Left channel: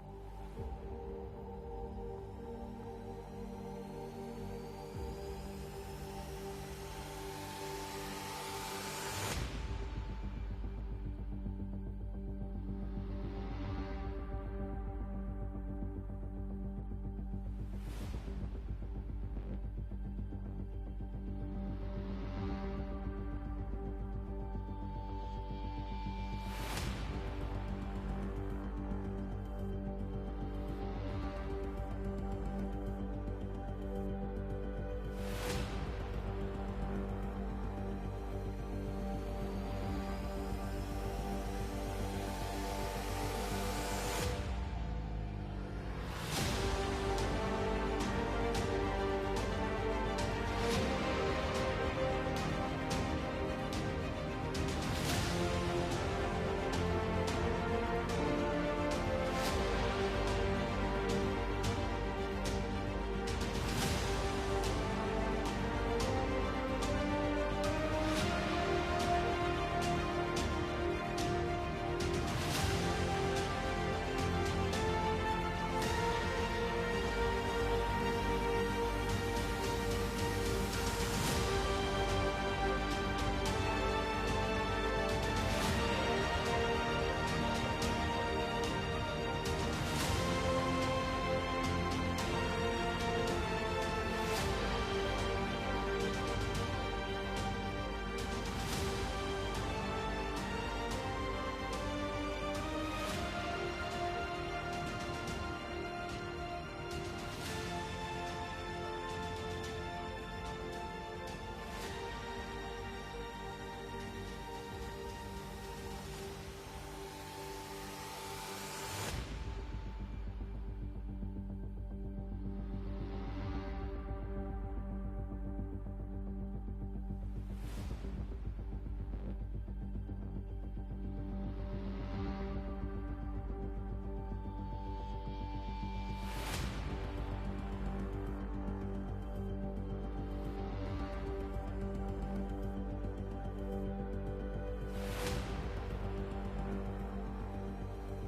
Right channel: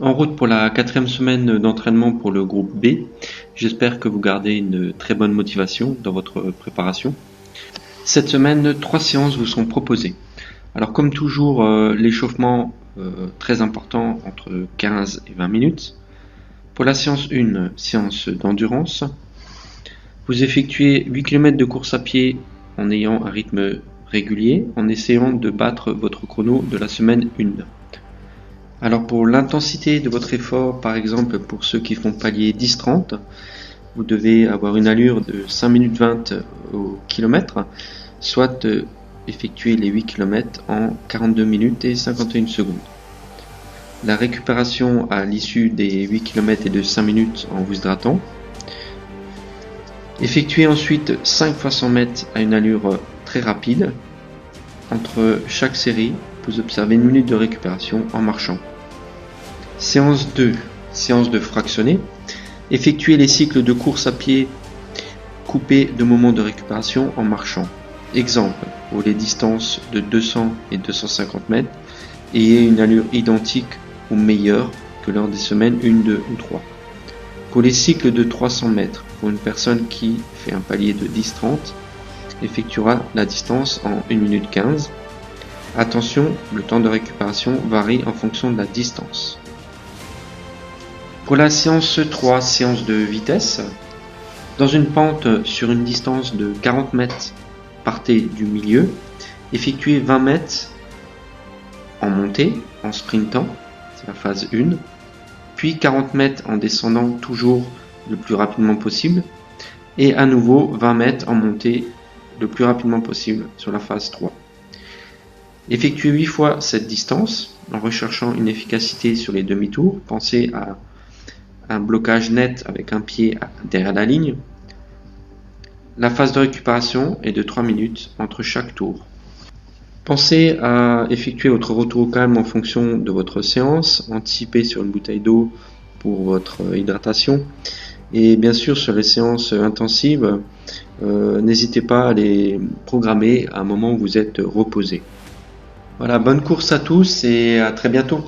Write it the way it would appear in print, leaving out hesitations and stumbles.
En route pour la 4e semaine d'entraînement pour le groupe B. J'espère que vous gardez une très bonne motivation dans votre préparation. Cette semaine, 3 séances vous sont proposées. Alors comme toujours, l'échauffement très important entre 15 et 20 minutes. Pour la séance 1, séance d'endurance, vous effectuez 8 km de course à pied en ayant un rythme régulier, en essayant de battre votre chrono de la semaine 1. Alors pour l'intensité de votre effort, par exemple pour ceux qui font palier 10-30, vous devez avoir une allure de 5 minutes 20 au kilomètre, soit effectuer les 8 km en 42 minutes et 51 secondes. La récupération à l'issue des 8 km est de 5 minutes en vous hydratant. Effectuez ensuite 5 fois 100 mètres à une allure très rapide. Entre chaque série, vous observez une minute de récupération en marchant. Séance 2, séance de fractionné. Effectuez les cycles de course à pied coupés de moments de récupération en marchant. Exemple, pour les distances de 200 et 250 mètres, ayez une allure identique ou meilleure que lors des semaines 1, 2 ou 3. Pour les cycles de 300 mètres, pour une personne qui fait un palier de 10-30, effectuera la distance en 1 minute 15. Attention, le temps de récupération varie en fonction de la distance. Pour la séance 3, séance de vitesse, dans une pente sur une distance de 40 mètres, partez du milieu, effectuez 20 mètres en montée, en sprintant, c'est la phase 1, puis 40 mètres en descendant toujours le plus rapidement possible, et à nouveau 20 mètres en montée le plus rapidement possible sur la phase 3. Effectuez 8 fois cette distance en recherchant une efficacité sur les demi-tours. Pensez à un blocage net avec un pied derrière la ligne. La phase de récupération est de 3 minutes entre chaque tour. Pensez à effectuer votre retour au calme en fonction de votre séance, anticipez sur une bouteille d'eau pour votre hydratation et bien sûr sur les séances intensives, n'hésitez pas à les programmer à un moment où vous êtes reposé. Voilà, bonne course à tous et à très bientôt.